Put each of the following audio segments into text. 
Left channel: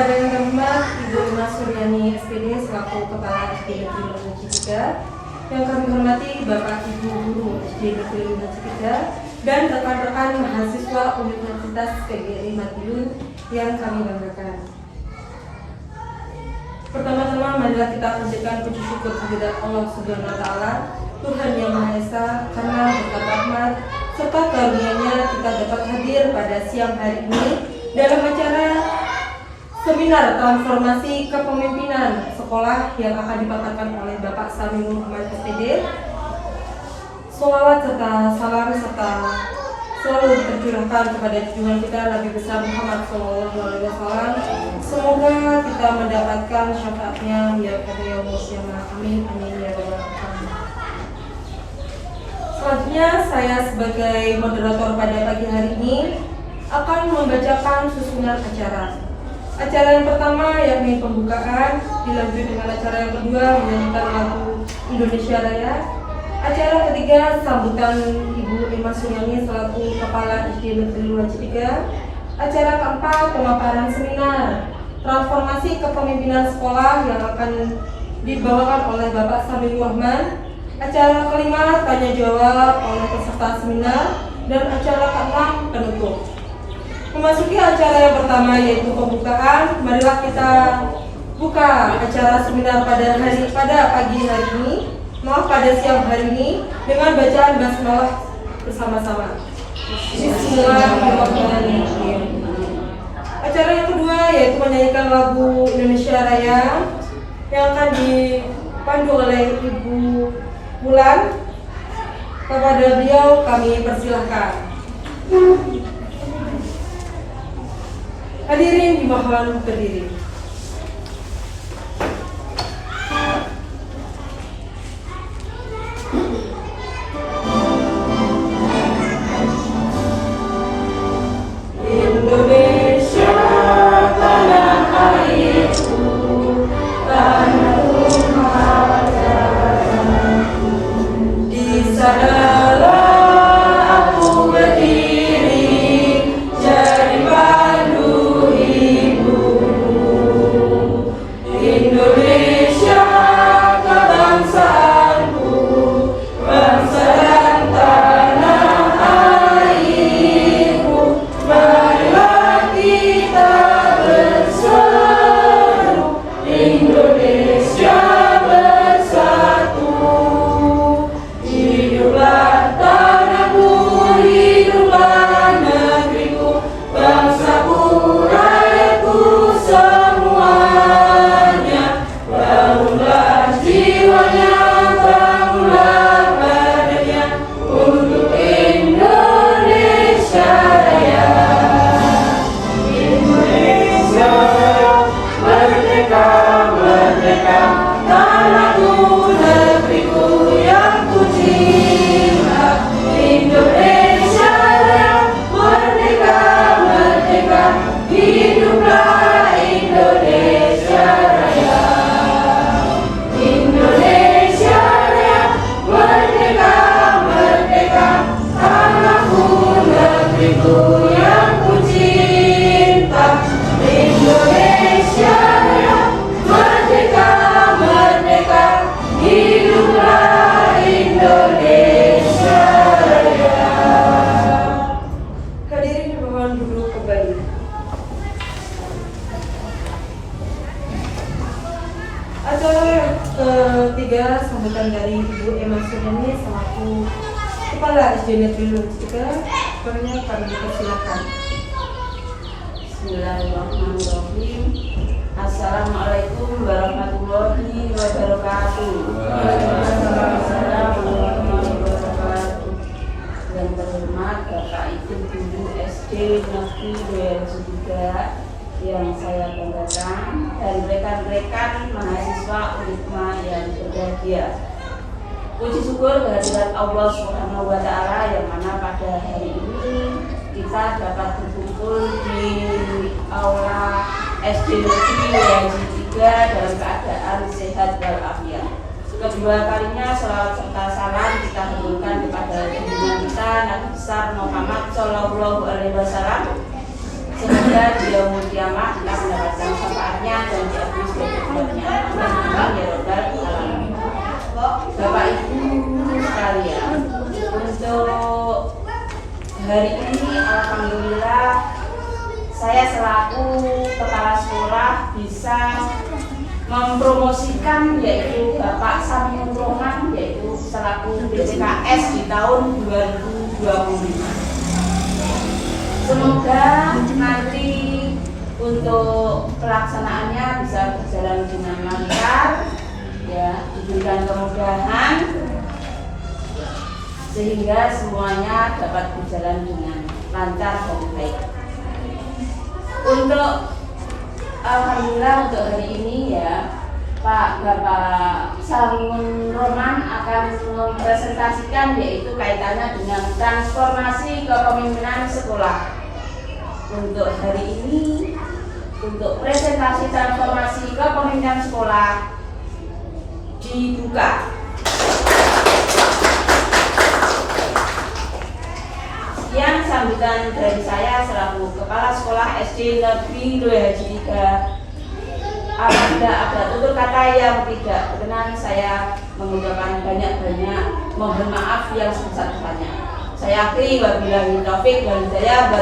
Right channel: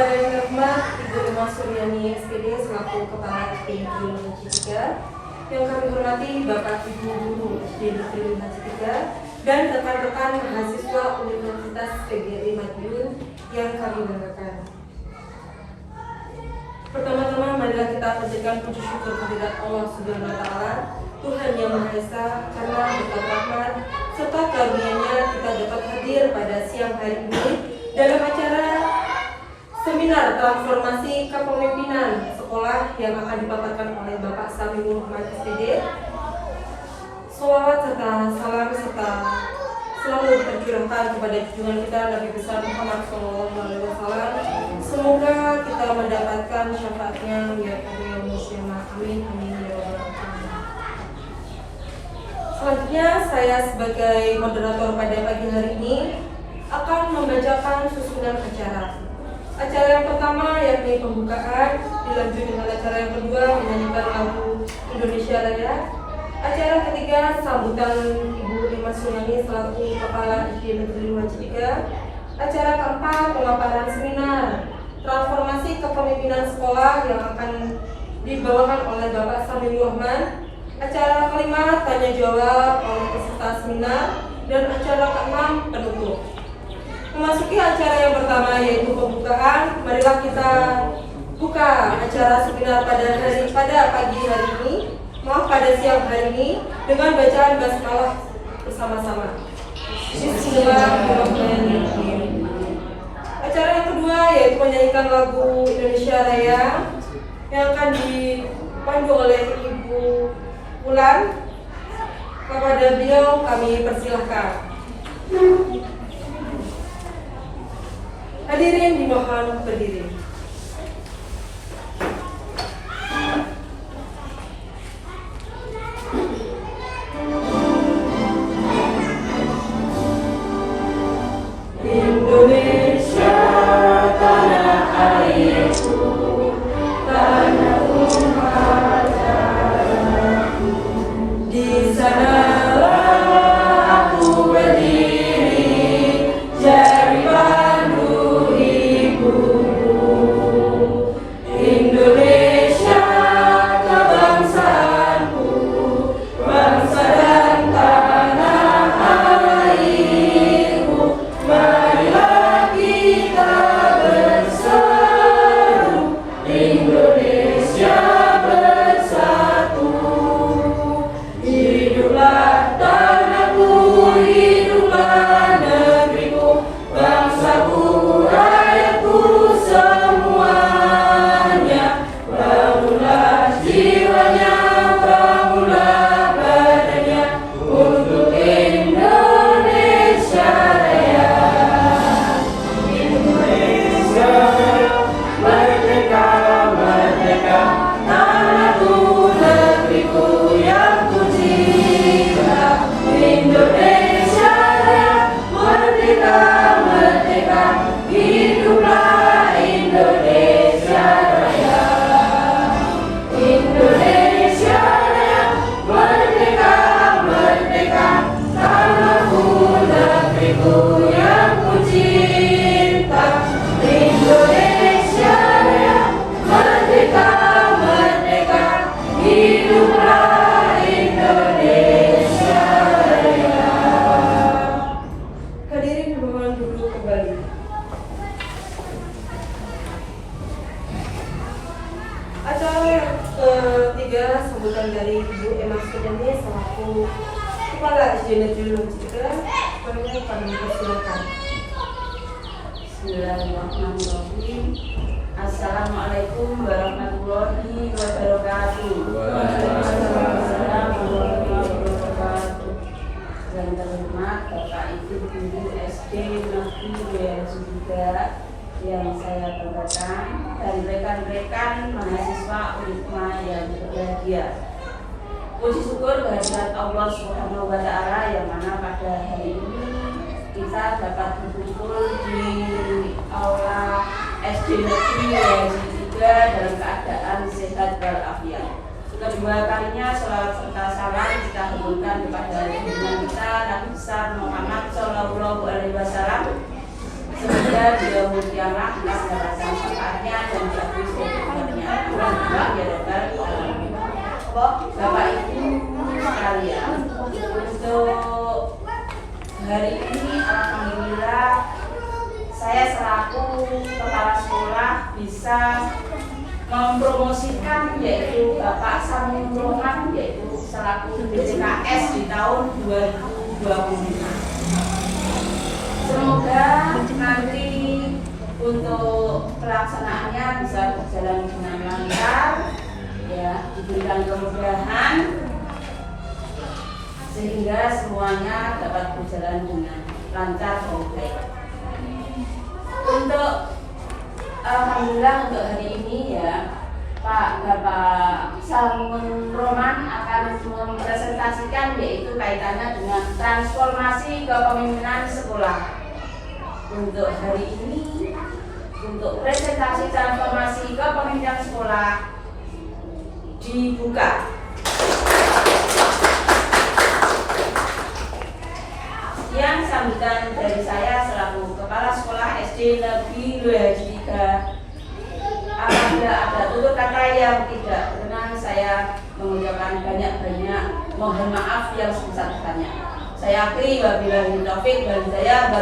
Kepada yang terhormat Ibu Ima Suryani SPD selaku Kepala SD Negeri 5 Cipika, yang kami hormati Bapak Ibu Guru SD Negeri 5 Cipika dan rekan-rekan mahasiswa Universitas PGRI Madiun yang kami banggakan. Pertama-tama marilah kita panjatkan puji syukur kehadirat Allah Subhanahu wa Ta'ala, Tuhan yang Maha Esa, karena berkat rahmat serta karunia-Nya kita dapat hadir pada siang hari ini dalam acara seminar transformasi kepemimpinan sekolah yang akan dipaparkan oleh Bapak Samiul Muhammad SPD. Sholawat serta salam serta selalu tercurahkan kepada junjungan kita Nabi besar Muhammad SAW. Semoga kita mendapatkan syafaatnya ya Allah yang Maha Amin. Amin ya Rabbal Alamin. Selanjutnya saya sebagai moderator pada pagi hari ini akan membacakan susunan acara. Acara yang pertama yakni pembukaan, dilanjut dengan acara yang kedua menyanyikan lagu Indonesia Raya. Acara ketiga sambutan Ibu Ima Suryani selaku Kepala SD Negeri 2 Cipika. Acara keempat pemaparan seminar transformasi kepemimpinan sekolah yang akan dibawakan oleh Bapak Samiul Rahman. Acara kelima tanya jawab oleh peserta seminar dan acara keenam penutup. Memasuki acara yang pertama yaitu pembukaan, marilah kita buka acara seminar pada pagi hari ini, pada siang hari ini dengan bacaan basmalah bersama-sama. Bismillahirrahmanirrahim. Acara yang kedua yaitu menyanyikan lagu Indonesia Raya yang akan dipandu oleh Ibu Bulan. Kepada beliau kami persilahkan. Hadirin dimohon berdiri. Indonesia tanah airku, tanah Tuhanku. Di sanalah aku berdiri, jadi padu ibumu. Indonesia kebangsaanku, bangsa dan tanah airku. Marilah kita berseru, Indonesia bersatu. Hiduplah tanahku, hiduplah negeriku, bangsaku, rakyatku semuanya. Bangunlah jiwanya, bangunlah badannya untuk Indonesia Raya. Indonesia merdeka, merdeka, tanahku, negeriku yang ku cinta. Indonesia Raya, merdeka, merdeka, hiduplah Indonesia Raya. Indonesia Raya, merdeka, merdeka, tanahku, negeriku yang ku cinta. Indonesia Raya, merdeka, merdeka, hiduplah Indonesia Raya. Hadirin dimohon duduk kembali. Acara yang ketiga sambutan dari Ibu Ima Suryani selaku Kepala SD Negeri 2 Cipika. Kepadanya kami persilakan. Bismillahirrahmanirrahim. Assalamualaikum warahmatullahi wabarakatuh. Waalaikumsalam warahmatullahi wabarakatuh. Yang terhormat Bapak Ibu Guru SD Negeri 2 yang saya banggakan dan rekan-rekan mahasiswa UNISMA yang berbahagia. Puji syukur kehadirat Allah Subhanahu wa Ta'ala yang mana pada hari ini kita dapat berkumpul di aula SD Negeri 2 dalam keadaan sehat walafiat. Kedua kalinya sholawat serta salam kita haturkan kepada junjungan kita Nabi besar Muhammad Sallallahu Alaihi Wasallam. Semoga dia mulia kita mendapatkan syafaatnya dan diakui sebagai umatnya. Amin ya robbal alamin. Bapak Ibu sekalian, untuk hari ini alhamdulillah saya selaku kepala sekolah bisa mempromosikan yaitu Bapak Saminur Rohman yaitu selaku BCKS di tahun 2020. Semoga nanti untuk pelaksanaannya bisa berjalan dengan lancar, ya, diberikan kemudahan sehingga semuanya dapat berjalan dengan lancar dan baik. Untuk alhamdulillah untuk hari ini ya Bapak Saminur Rohman akan mempresentasikan yaitu kaitannya dengan transformasi kepemimpinan sekolah. Untuk hari ini, untuk presentasi transformasi kepemimpinan sekolah dibuka. Sekian sambutan dari saya selaku Kepala Sekolah SD Negeri Loi Haji 3. Apabila ada tutur kata yang tidak berkenan, saya mengucapkan banyak-banyak mohon maaf yang sebesar-besarnya. Saya akhiri wabillahi taufik wal hidayah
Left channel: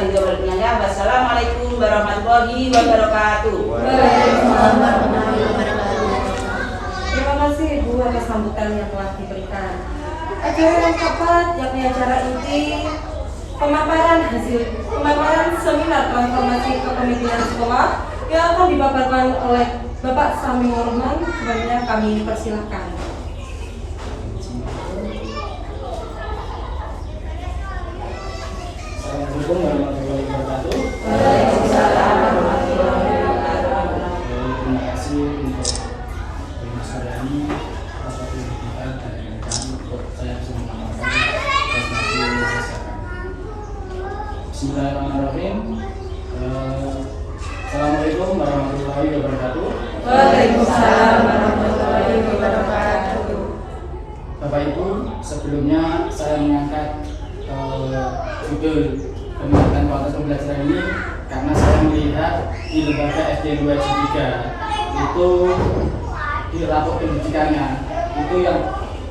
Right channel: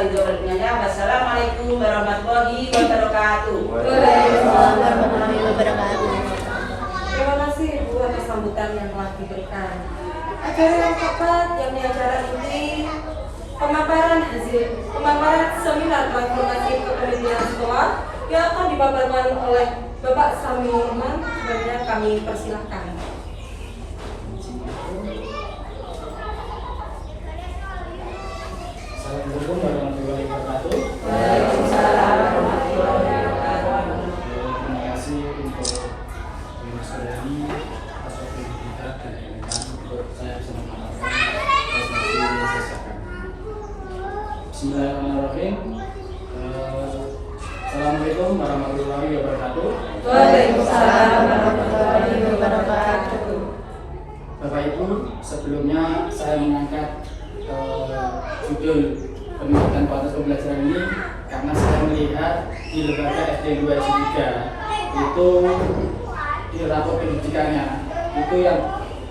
wassalamualaikum warahmatullahi wabarakatuh. Waalaikumsalam warahmatullahi wabarakatuh. Terima kasih Ibu atas sambutan yang telah diberikan. Acara yang tepat yakni acara inti pemaparan seminar transformasi kepemimpinan sekolah yang akan dipaparkan oleh Bapak Saminur Rohman. Selanjutnya kami persilahkan. Assalamualaikum warahmatullahi wabarakatuh. Waalaikumsalam warahmatullahi wabarakatuh. Terima kasih untuk Mas Suryani atas waktu yang diberikan dan diberikan untuk saya bisa memaparkan transformasi Indonesia. Bismillahirrahmanirrahim. Assalamualaikum warahmatullahi wabarakatuh. Waalaikumsalam warahmatullahi wabarakatuh. Bapak Ibu, sebelumnya saya mengangkat judul pendidikan kualitas pembelajaran ini karena saya melihat di lembaga SD 2 Haji 3 itu di rapor pendidikannya itu yang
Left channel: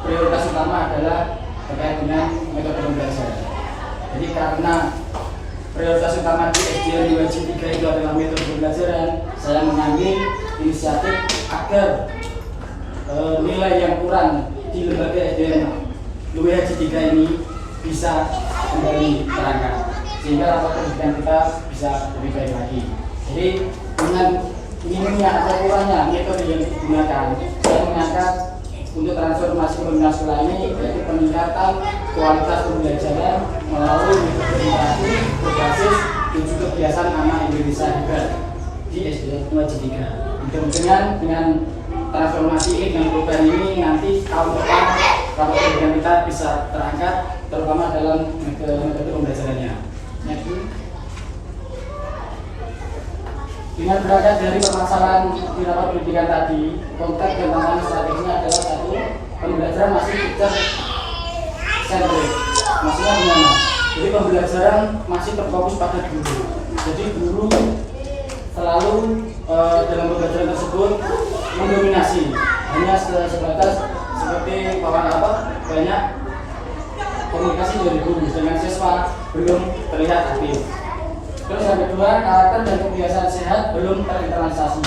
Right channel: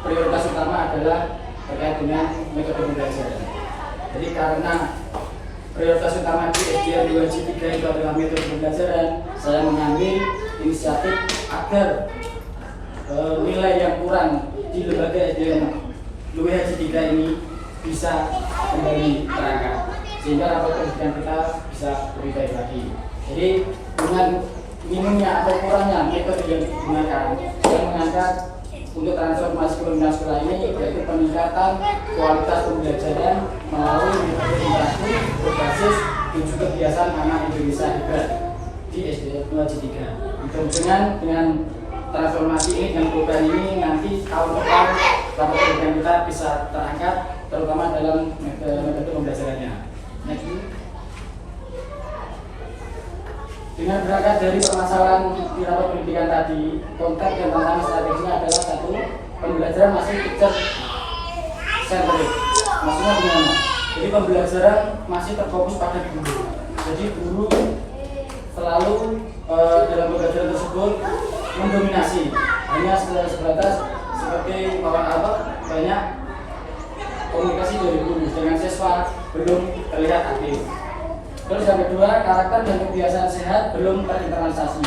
prioritas utama adalah terkait dengan metode pembelajaran. Jadi karena prioritas utama di SD 2 Haji 3 itu adalah metode pembelajaran, saya mengambil inisiatif agar nilai yang kurang di lembaga SD 2 Haji 3 ini bisa kembali terangkat sehingga rapor pendidikan kita bisa lebih baik lagi. Jadi dengan minimnya atau kurangnya metode yang digunakan, saya mengangkat untuk transformasi pembelajaran sekolah ini yaitu peningkatan kualitas pembelajaran melalui metode interaksi berbasis 7 kebiasaan anak Indonesia hebat di SD 2 Haji 3. Mudah-mudahan dengan transformasi ini dengan program ini nanti tahun depan rapor pendidikan kita bisa terangkat terutama dalam metode pembelajarannya. Dengan berangkat dari permasalahan di rapor pendidikan tadi, konteks dan tantangan strategisnya adalah satu, pembelajaran masih teacher centric. Maksudnya gimana? Jadi pembelajaran masih terfokus pada guru. Jadi guru selalu dalam pembelajaran tersebut mendominasi, hanya sebatas seperti banyak komunikasi dari guru dengan siswa belum terlihat aktif. Terus yang kedua, karakter dan kebiasaan sehat belum terinternalisasi.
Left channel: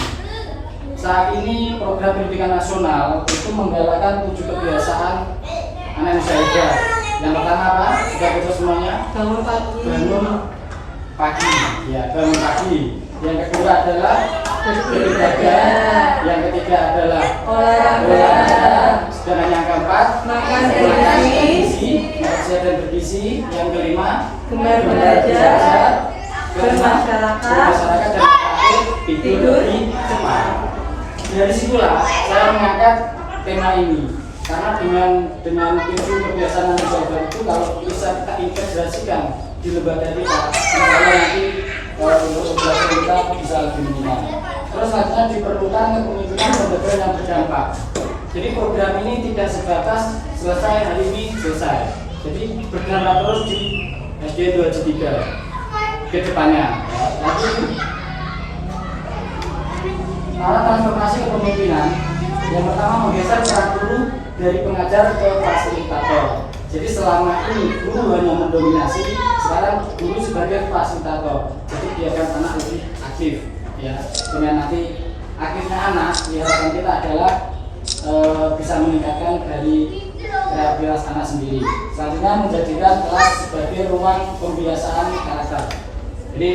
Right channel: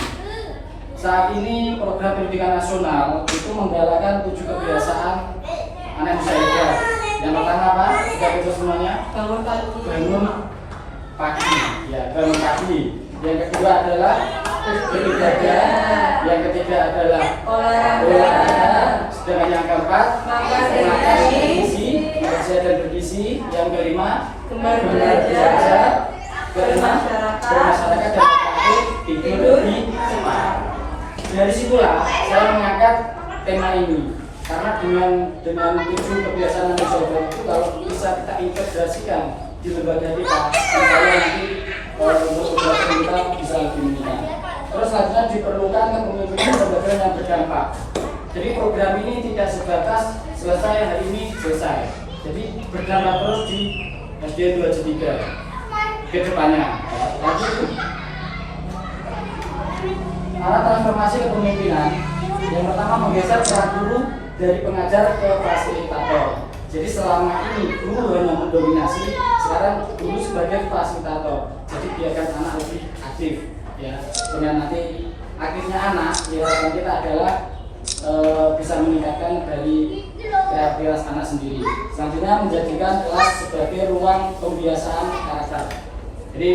Saat ini program pendidikan nasional itu menggalakkan 7 kebiasaan anak Indonesia hebat. Yang pertama apa? Sudah bisa semuanya? Bangun pagi. Bangun pagi. Ya, bangun pagi. Yang kedua adalah beribadah. Yang ketiga adalah olahraga. Sedangkan yang keempat Makan dan bergizi. Dan bergizi. Yang kelima Gemar belajar. bermasyarakat dan terakhir tidur lebih cepat. Dari situlah saya mengangkat tema ini karena dengan 7 kebiasaan manusia itu kalau bisa kita integrasikan di lembaga kita, misalnya nanti untuk pembelajaran kita bisa lebih meningkat. Terus selanjutnya diperlukan kepemimpinan pembelajaran yang berdampak. Jadi program ini tidak sebatas selesai hari ini selesai. Jadi berdampak terus di SD 2 Haji 3. ke depannya. Arah transformasi kepemimpinan yang pertama menggeser peran guru dari pengajar ke fasilitator. Jadi selama ini guru hanya mendominasi, sekarang guru sebagai fasilitator. Jadi biarkan anak lebih aktif, ya. Dengan nanti aktifnya anak, harapan kita adalah bisa meningkatkan dari kreativitas anak sendiri. Selanjutnya menjadikan kelas sebagai ruang pembiasaan karakter. Jadi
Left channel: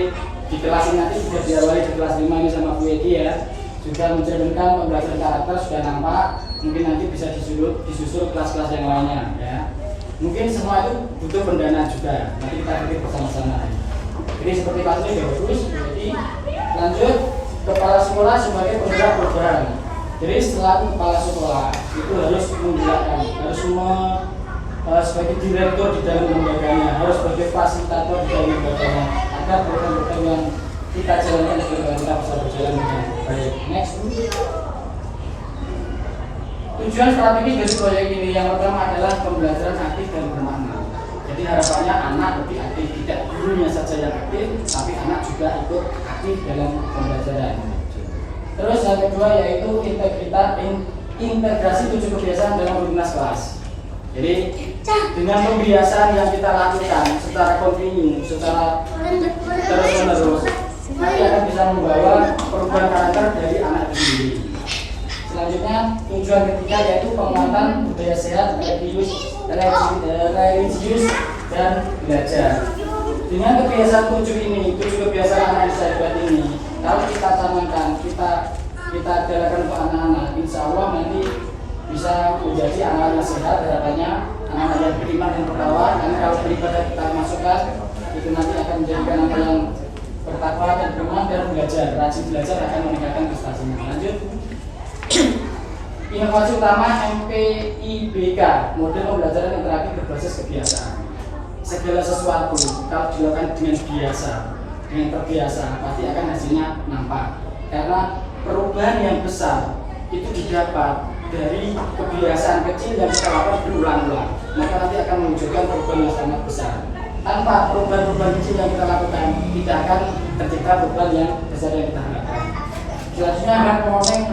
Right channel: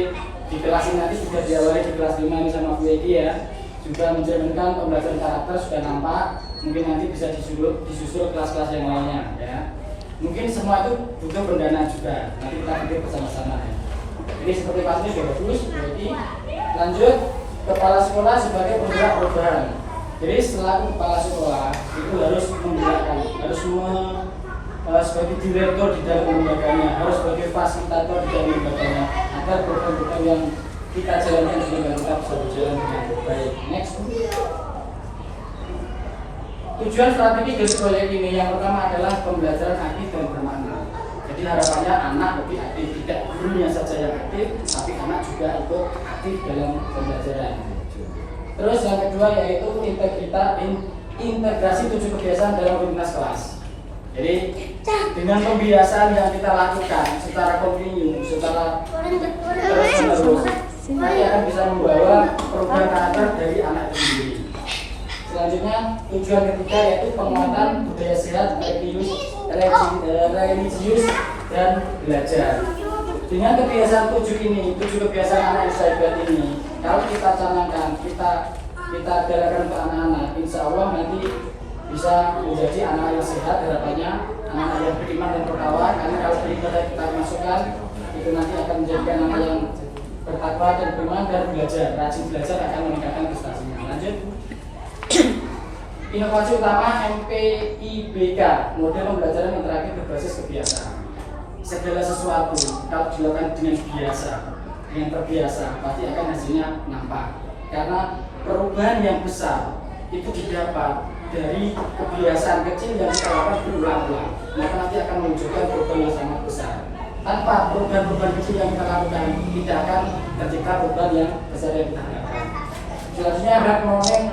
di kelas ini nanti sudah diawali di kelas 5 ini sama Bu Edi ya, juga mencerminkan pembelajaran karakter sudah nampak. Mungkin nanti bisa disusul kelas-kelas yang lainnya ya. Mungkin semua itu butuh pendanaan juga. Nanti kita pikir bersama-sama ya. Ini seperti pasnya sudah bagus. Jadi lanjut kepala sekolah sebagai penggerak perubahan. Jadi setelah kepala sekolah itu harus menggerakkan, harus sebagai direktur di dalam lembaganya, harus sebagai fasilitator di dalam lembaganya, agar program-program yang kita jalankan di lembaga bisa berjalan dengan baik. Next. Tujuan strategis dari proyek ini yang pertama adalah pembelajaran aktif dan bermakna. Jadi harapannya anak lebih aktif, tidak gurunya saja yang aktif, tapi anak juga ikut aktif dalam pembelajaran. Terus yang kedua yaitu integrasi 7 kebiasaan dalam rutinitas kelas. Jadi dengan pembiasaan yang kita lakukan secara kontinu, secara terus-menerus, nanti akan bisa membawa perubahan karakter dari anak itu sendiri. Selanjutnya tujuan ketiga yaitu penguatan budaya sehat, religius dan belajar. Dengan kebiasaan 7 ini, 7 kebiasaan anak sahabat ini, kalau kita canangkan, kita gerakan untuk anak-anak, insya Allah nanti bisa menjadi anak yang sehat. Harapannya anak-anak yang beriman dan bertakwa, karena kalau beribadah kita masukkan, itu nanti akan menjadikan anak yang bertakwa dan beriman dan belajar. Rajin belajar akan meningkatkan prestasinya. Lanjut. Inovasi utama MPIBK, model pembelajaran interaktif berbasis kebiasaan. Segala sesuatu kalau dilakukan dengan biasa, dengan terbiasa, pasti akan hasilnya nampak. Karena perubahan yang besar itu didapat dari kebiasaan kecil yang kita lakukan berulang-ulang. Maka nanti akan menunjukkan perubahan yang sangat besar. Tanpa perubahan-perubahan kecil yang kita lakukan, tidak akan tercipta perubahan yang besar yang kita harapkan. Selanjutnya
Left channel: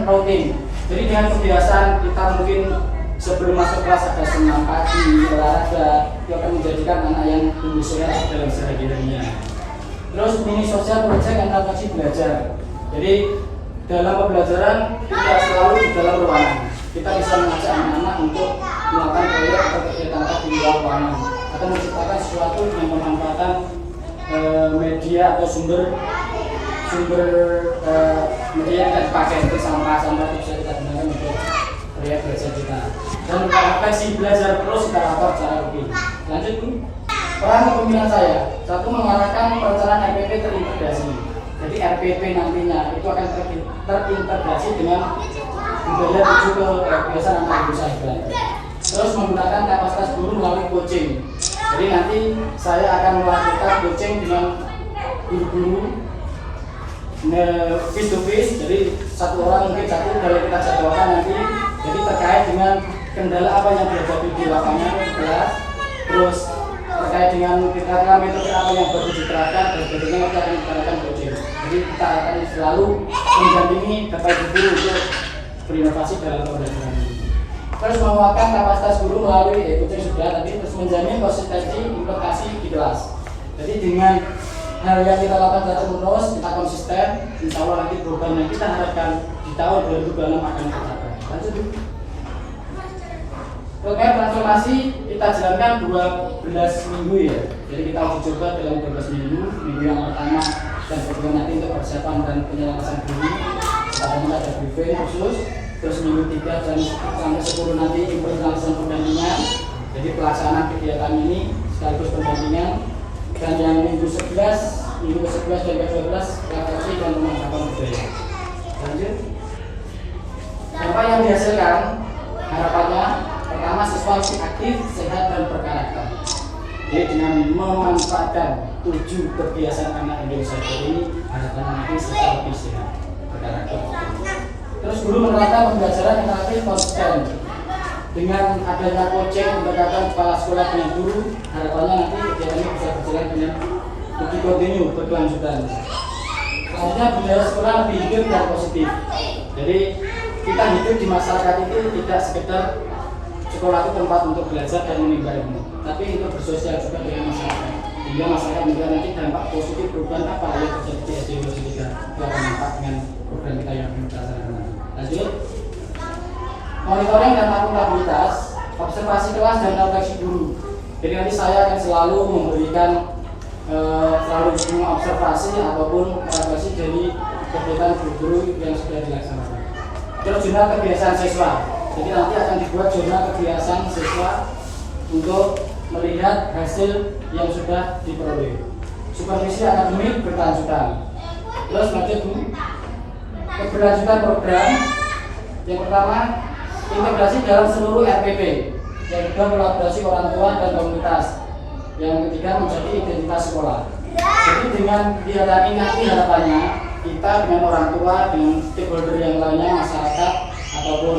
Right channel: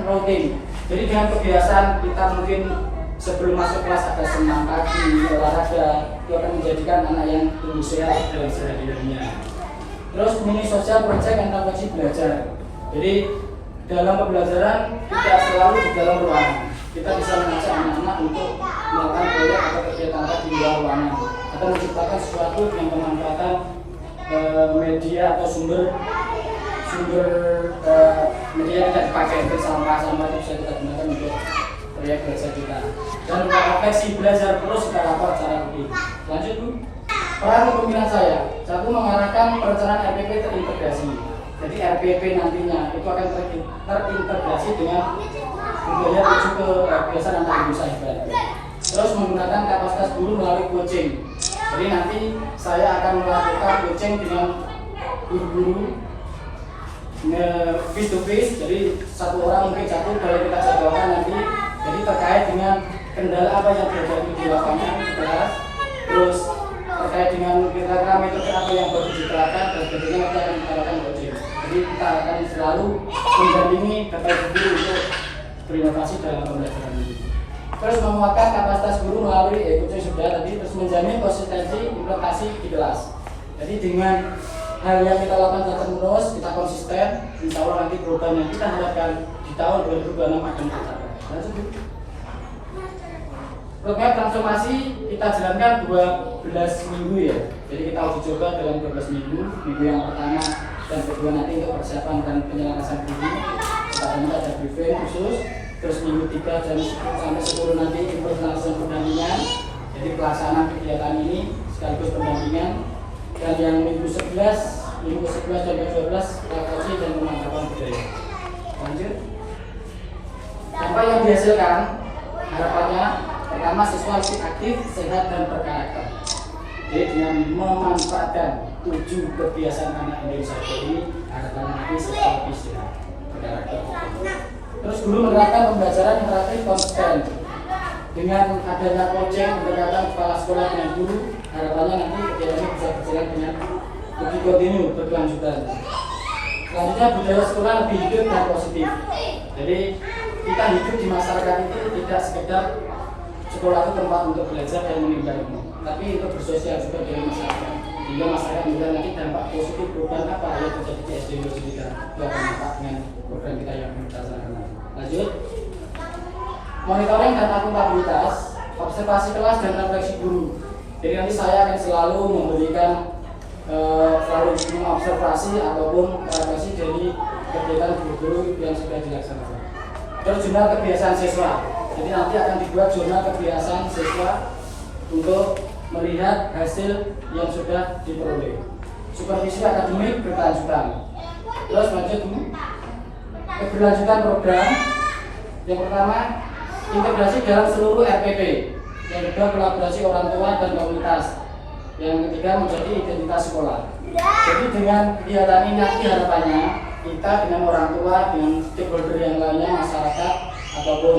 routing. Jadi dengan kebiasaan kita mungkin sebelum masuk kelas ada senam pagi, olahraga, itu akan menjadikan anak yang tumbuh sehat dalam sehari-harinya. Terus mini sosial project dan inovasi belajar. Jadi dalam pembelajaran kita selalu di dalam ruangan. Kita bisa mengajak anak-anak untuk melakukan proyek atau kegiatan di luar ruangan, atau menciptakan sesuatu yang memanfaatkan media atau sumber media yang tidak dipakai seperti sampah itu bisa kita gunakan untuk proyek belajar kita. Dan refleksi belajar terus kita lakukan secara lebih. Lanjut Bu. Peran kepemimpinan saya, satu mengarahkan perencanaan RPP terintegrasi. Jadi RPP nantinya itu akan terintegrasi dengan budaya 7 kebiasaan anak usaha Belanda. Terus menggunakan kapasitas guru melalui coaching. Jadi nanti saya akan melakukan coaching dengan guru-guru face to face, jadi satu orang mungkin satu kalau kita jadwalkan nanti, jadi terkait dengan kendala apa yang terjadi di lapangan kelas, terus terkait dengan kira-kira metode apa yang baru diterapkan, terus tentunya kita akan diterapkan coaching. Jadi kita akan selalu mendampingi berbagai guru untuk berinovasi dalam pembelajaran ini. Terus menguatkan kapasitas guru melalui coaching sudah tadi, terus menjamin konsistensi implementasi di kelas. Jadi dengan hal yang kita lakukan terus, kita konsisten, insya Allah nanti program yang kita harapkan di tahun 2026 akan tercapai. Lanjut Bu. Program transformasi kita jalankan 12 minggu ya. Jadi kita uji coba dalam 12 minggu. Minggu yang pertama dan kedua nanti untuk persiapan dan penyelesaian briefing. Kita akan ada briefing khusus. Terus minggu 3 dan sampai 10 nanti implementasi pendampingan. Jadi pelaksanaan kegiatan ini sekaligus pendampingan. Dan yang minggu 11 dan ke-12 refleksi dan pemanfaatan budaya. Lanjut. Dampak yang dihasilkan harapannya pertama siswa lebih aktif, sehat dan berkarakter. Jadi dengan memanfaatkan 7 kebiasaan anak Indonesia ini harapannya nanti siswa lebih sehat, berkarakter. Terus guru menerapkan pembelajaran interaktif konsisten. Dengan adanya coaching pendekatan kepala sekolah dengan guru, harapannya nanti kegiatan ini bisa berjalan dengan lebih kontinu, berkelanjutan. Selanjutnya budaya sekolah lebih hidup dan positif. Jadi kita hidup di masyarakat itu tidak sekedar sekolah itu tempat untuk belajar dan menimba ilmu, tapi untuk bersosial juga dengan masyarakat. Sehingga masyarakat juga nanti dampak positif program apa yang terjadi di SD 23 akan dampak dengan program kita yang kita laksanakan. Lanjut, monitoring dan akuntabilitas, observasi kelas dan refleksi guru. Jadi nanti saya akan selalu memberikan selalu mengobservasi ataupun refleksi dari kegiatan guru-guru yang sudah dilaksanakan. Terus jurnal kebiasaan siswa. Jadi nanti akan dibuat jurnal kebiasaan siswa untuk melihat hasil yang sudah diperoleh. Supervisi akademik berkelanjutan. Terus lanjut keberlanjutan program. Yang pertama, integrasi dalam seluruh RPP. Yang kedua, kolaborasi orang tua dan komunitas. Yang ketiga, menjadi identitas sekolah. Jadi dengan kegiatan ini nanti harapannya kita dengan orang tua, dengan stakeholder yang lainnya, masyarakat ataupun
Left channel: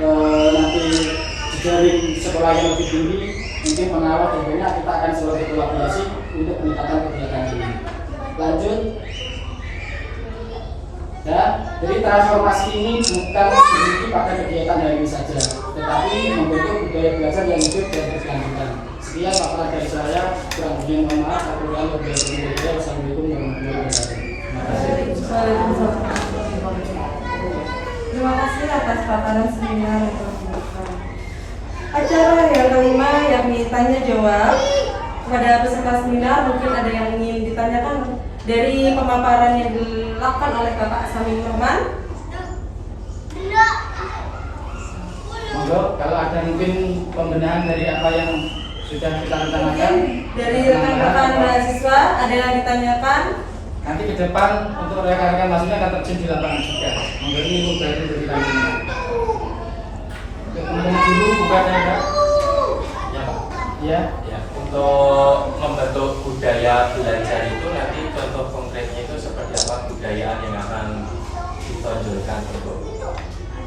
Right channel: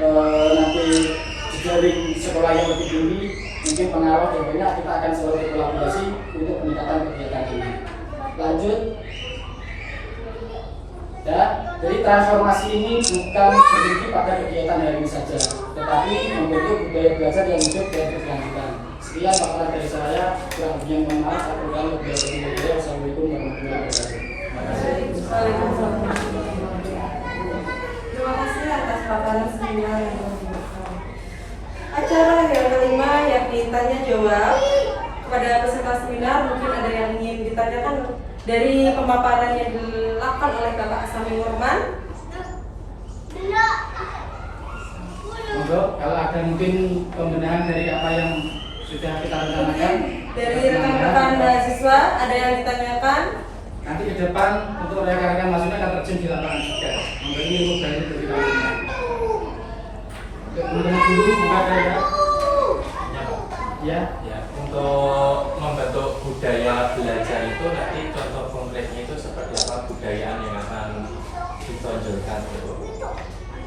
nanti di sekolah yang lebih tinggi, mungkin pengawas dan banyak, kita akan selalu berkolaborasi untuk peningkatan kegiatan ini. Lanjut. Ya, jadi transformasi ini bukan berhenti pada kegiatan hari ini saja, tetapi membentuk budaya belajar yang hidup dan berkelanjutan. Sekian pakar dari saya, kurang lebihnya mohon maaf. Aku ulang lebih dari Assalamualaikum warahmatullahi wabarakatuh. Terima kasih atas paparan seminar yang telah dilakukan. Acara yang kelima yakni tanya jawab. Kepada peserta seminar mungkin ada yang ingin ditanyakan dari pemaparan yang dilakukan oleh Bapak Sami Nurman. Monggo, kalau ada mungkin pembenahan dari apa yang sudah kita rencanakan Dari rekan-rekan mahasiswa ada yang ditanyakan. nanti ke depan untuk rekan-rekan maksudnya akan terjun di lapangan juga. Monggo ini ilmu baru dari kami. Kemudian dulu buka ada. Ya. Ya, untuk membentuk budaya belajar itu nanti contoh konkretnya itu seperti apa budayaan yang akan ditonjolkan untuk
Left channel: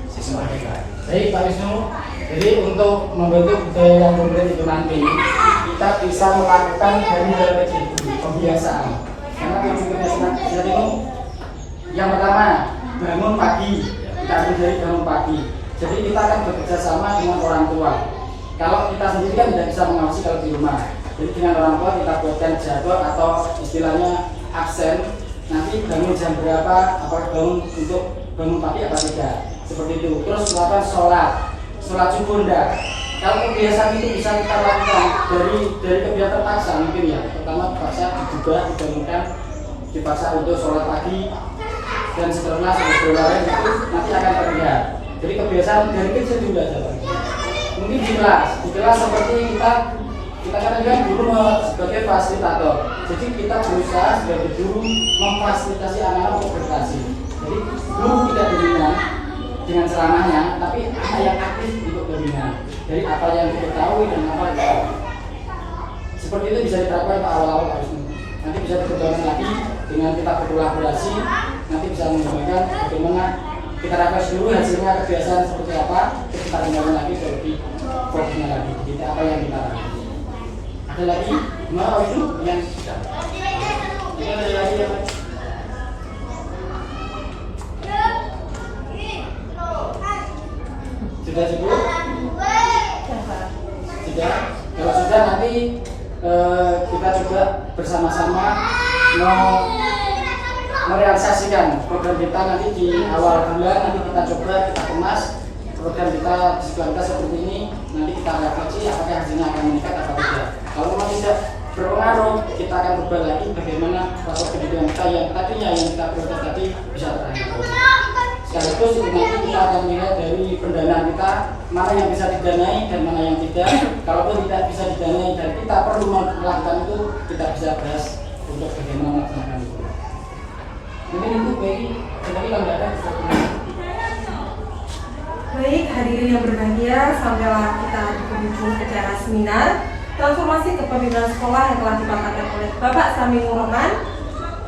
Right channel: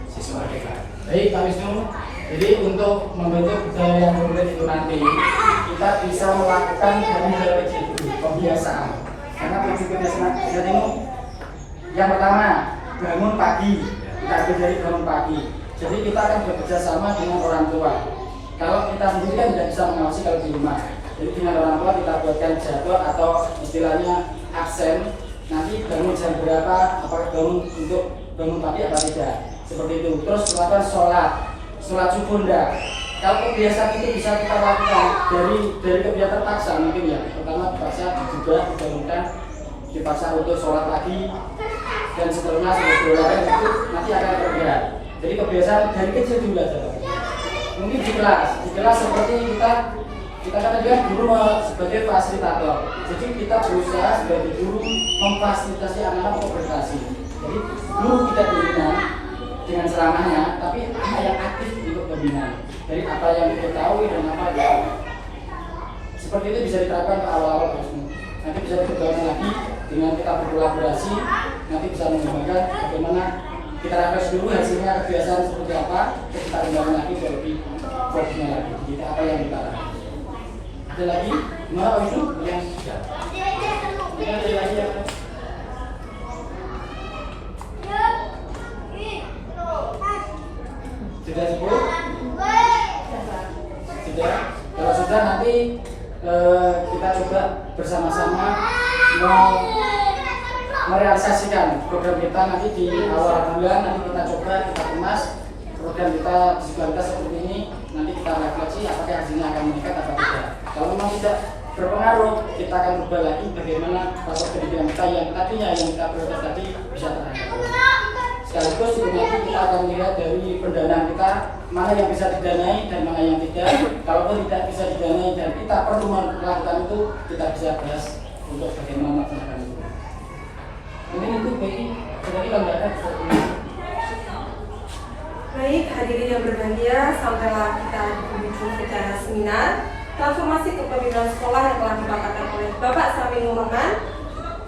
siswa kita. Baik Pak Wisnu, jadi untuk membentuk budaya yang konkret itu nanti kita bisa melakukan dari hal kecil, pembiasaan. Karena tujuan kebiasaan itu yang pertama bangun pagi, kita ambil dari bangun pagi. Jadi kita akan bekerja sama dengan orang tua. Kalau kita sendiri kan tidak bisa mengawasi kalau di rumah. Jadi dengan orang tua kita buatkan jadwal atau istilahnya absen. Nanti bangun jam berapa, apakah bangun untuk bangun pagi apa tidak. Seperti itu. Terus melakukan sholat subuh enggak. Kalau kebiasaan itu bisa kita lakukan dari kebiasaan terpaksa mungkin ya. Pertama terpaksa juga dibangunkan, dipaksa untuk sholat pagi dan seterusnya sampai berolahraga itu nanti akan terlihat. Jadi kebiasaan dari kecil juga jalan. Mungkin di kelas seperti kita kan guru sebagai fasilitator. Jadi kita berusaha sebagai guru memfasilitasi anak-anak untuk berkreasi. Jadi guru tidak dominan dengan ceramahnya, tapi anak yang aktif untuk dominan dari apa yang diketahui dan apa yang tahu. Seperti itu bisa diterapkan ke awal-awal nanti bisa dikembangkan lagi dengan kita berkolaborasi. Nanti bisa mengembangkan bagaimana kita refresh dulu hasilnya kebiasaan seperti apa, terus kita kembali lagi dari programnya lagi, tidak apa yang kita lakukan. Ada lagi? Gimana itu? Yang ada lagi ya? Sudah cukup? Sudah? Kalau sudah nanti kita coba bersama-sama merealisasikan program kita nanti di awal bulan. Nanti kita coba kita kemas program kita di sekolah kita seperti ini. Nanti kita refleksi apakah hasilnya akan meningkat atau tidak. Kalau memang tidak berpengaruh, kita akan ubah lagi bagaimana proses pendidikan kita yang tadinya yang kita prioritas tadi bisa terangkat. Sekaligus nanti kita akan melihat dari pendanaan kita mana yang bisa didanai dan mana yang tidak. Kalaupun tidak bisa didanai dan kita perlu melakukan itu, kita bisa bahas untuk bagaimana melaksanakan itu. Ini itu bagi kalau nggak ada Baik, hadirin yang berbahagia, sampailah kita di penghujung acara seminar transformasi kepemimpinan sekolah yang telah dipaparkan oleh Bapak Sami Nurman.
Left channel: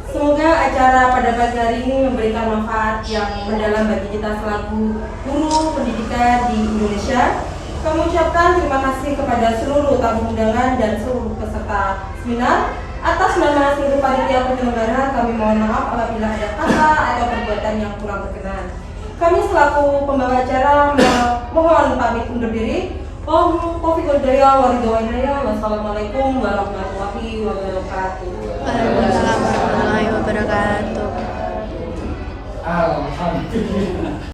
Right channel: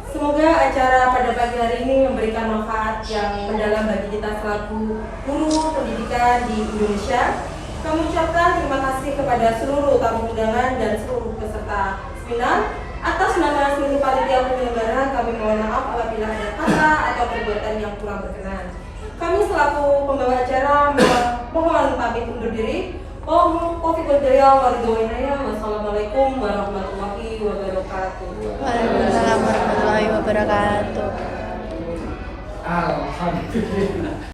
Semoga acara pada pagi hari ini memberikan manfaat yang mendalam bagi kita selaku guru pendidikan di Indonesia. Kami ucapkan terima kasih kepada seluruh tamu undangan dan seluruh peserta seminar Atas nama seluruh panitia penyelenggara, kami mohon maaf apabila ada kata atau perbuatan yang kurang berkenan. Kami selaku pembawa acara mohon pamit undur diri. Wassalamualaikum warahmatullahi wabarakatuh. Waalaikumsalam warahmatullahi wabarakatuh. Alhamdulillah.